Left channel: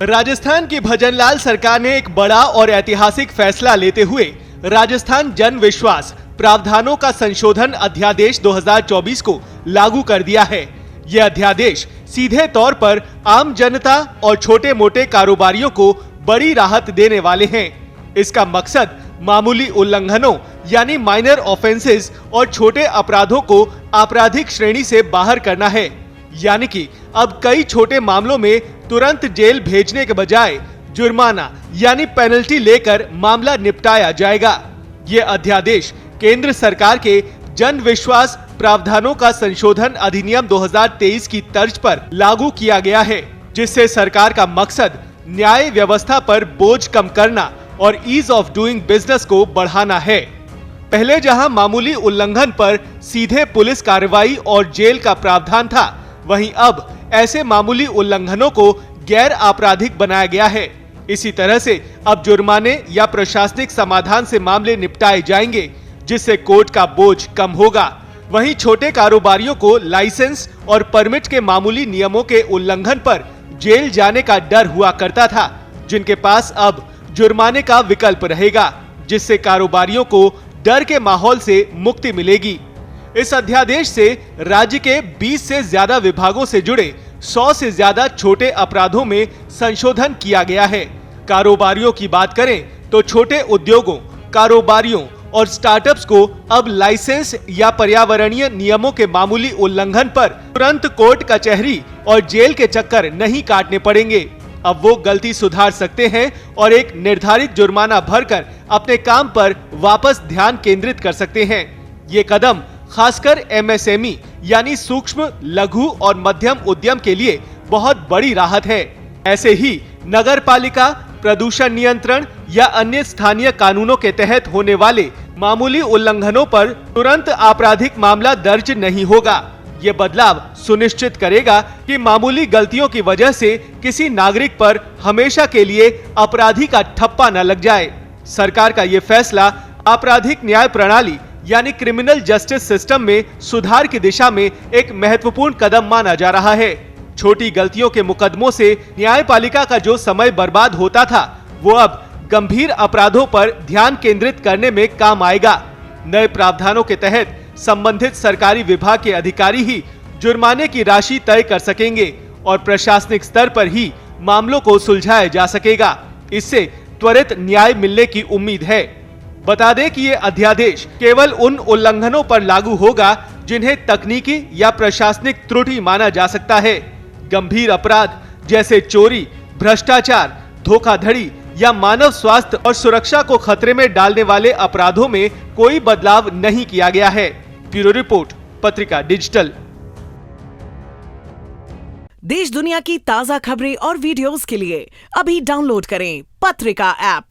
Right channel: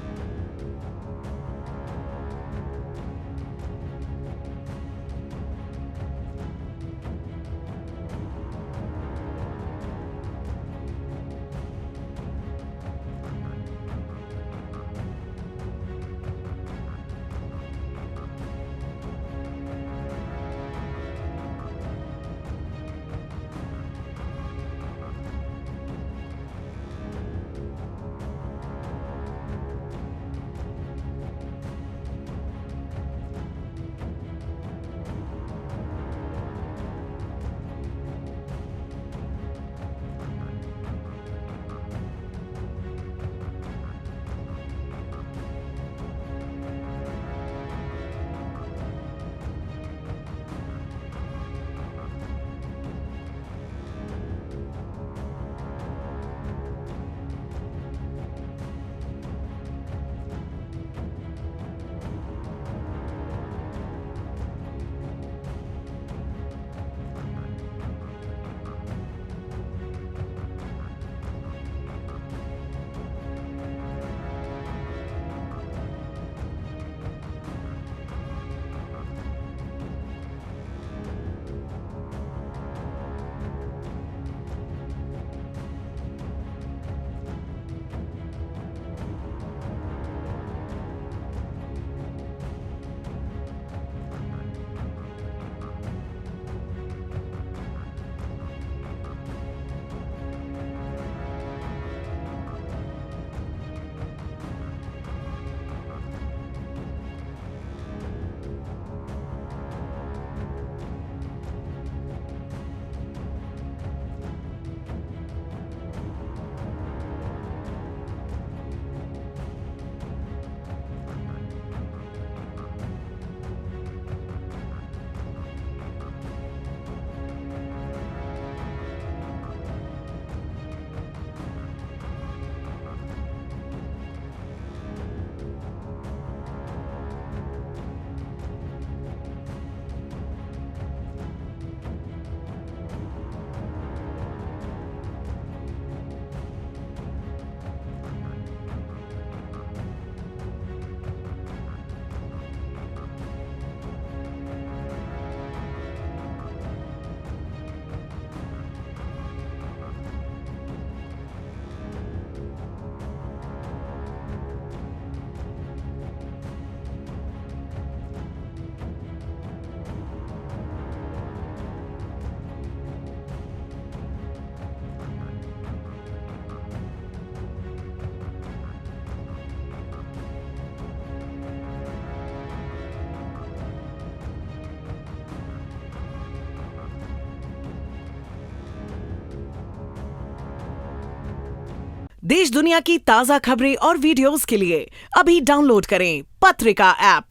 राजस्थान की भजनलाल सरकार ने एक बड़ा और ऐतिहासिक फैसला लेते हुए राजस्थान जन विश्वास प्रावधानों का संशोधन अध्यादेश 2024 को लागू कर दिया है। यह अध्यादेश सीधे तौर पर आम जनता और छोटे मोटे कारोबारियों को बड़ी राहत देने वाले हैं। इसका मकसद मामूली उल्लंघनों यानी माइनर ऑफेंसेस और छोटे अपराधों को आपराधिक श्रेणी से बाहर करना है। यानी कि अब कई छोटे मामलों में तुरंत जेल भेजने के बजाय जुर्माना यानी पेनल्टी लेकर मामला निपटाया जाएगा। ये अध्यादेश केंद्र सरकार के जन विश्वास प्रावधानों का संशोधन अधिनियम 2023 की तर्ज पर लागू किया गया है, जिससे सरकार का मकसद न्याय व्यवस्था पर बोझ कम करना और ईज ऑफ डूइंग बिजनेस को बढ़ाना है। पहले जहां मामूली उल्लंघन पर सीधे पुलिस कार्रवाई और जेल का प्रावधान था, वहीं अब ऐसे मामूली उल्लंघनों को गैर आपराधिक बनाया गया है। इसी तरह से अब जुर्माने या प्रशासनिक समाधान से मामले निपटाए जाएंगे, जिससे कोर्ट का बोझ कम होगा। वहीं छोटे कारोबारियों को लाइसेंस और परमिट के मामूली नियमों के उल्लंघन पर जेल जाने का डर हुआ करता था, जिनके पास अब जुर्माने का विकल्प रहेगा, जिससे कारोबारियों को डर के माहौल से मुक्ति मिलेगी। इस अध्यादेश से राज्य के 20 से ज्यादा विभागों से जुड़े 100 से ज्यादा छोटे अपराधों में संशोधन किया गया है। कारोबारियों की बात करें तो छोटे उद्योगों, कारोबारियों और स्टार्टअप्स को अब लाइसेंस या पर्यावरणीय नियमों के मामूली उल्लंघन पर तुरंत कोर्ट कचहरी और जेल के चक्कर नहीं काटने पड़ेंगे। अब वो गलती सुधार सकते हैं और एक निर्धारित जुर्माना भरकर अपने काम पर वापस ध्यान केंद्रित कर सकते हैं। ये कदम खासकर एमएसएमई यानी सूक्ष्म, लघु और मध्यम उद्यम के लिए बहुत बड़ी राहत है। ऐसे ही नगर पालिका, प्रदूषण नियंत्रण या अन्य स्थानीय कानूनों के तहत होने वाले मामूली उल्लंघनों पर तुरंत आपराधिक मामला दर्ज नहीं होगा। ये बदलाव सुनिश्चित करेगा कि मामूली गलतियों की वजह से किसी नागरिक पर हमेशा के लिए अपराधी का ठप्पा न लग जाए। सरकार का ये फैसला आपराधिक न्याय प्रणाली यानी क्रिमिनल जस्टिस सिस्टम में सुधार की दिशा में एक महत्वपूर्ण कदम माना जा रहा है। छोटी गलतियों के मुकदमों से न्यायपालिका का जो समय बर्बाद होता था, वो अब गंभीर अपराधों पर ध्यान केंद्रित करने में काम आएगा। नए प्रावधानों के तहत संबंधित सरकारी विभाग के अधिकारी ही जुर्माने की राशि तय कर सकेंगे और प्रशासनिक स्तर पर ही मामलों को सुलझाया जा सकेगा। इससे त्वरित न्याय मिलने की उम्मीद है। बता दें कि ये अध्यादेश केवल उन उल्लंघनों पर लागू होगा जिन्हें तकनीकी या प्रशासनिक त्रुटि माना जा सकता है। गंभीर अपराध जैसे चोरी, भ्रष्टाचार, धोखाधड़ी या मानव स्वास्थ्य और सुरक्षा को खतरे में डालने वाले अपराधों में कोई बदलाव नहीं किया गया है। ब्यूरो रिपोर्ट, पत्रिका डिजिटल। देश दुनिया की ताजा खबरें और वीडियोस के लिए अभी डाउनलोड करें पत्रिका ऐप।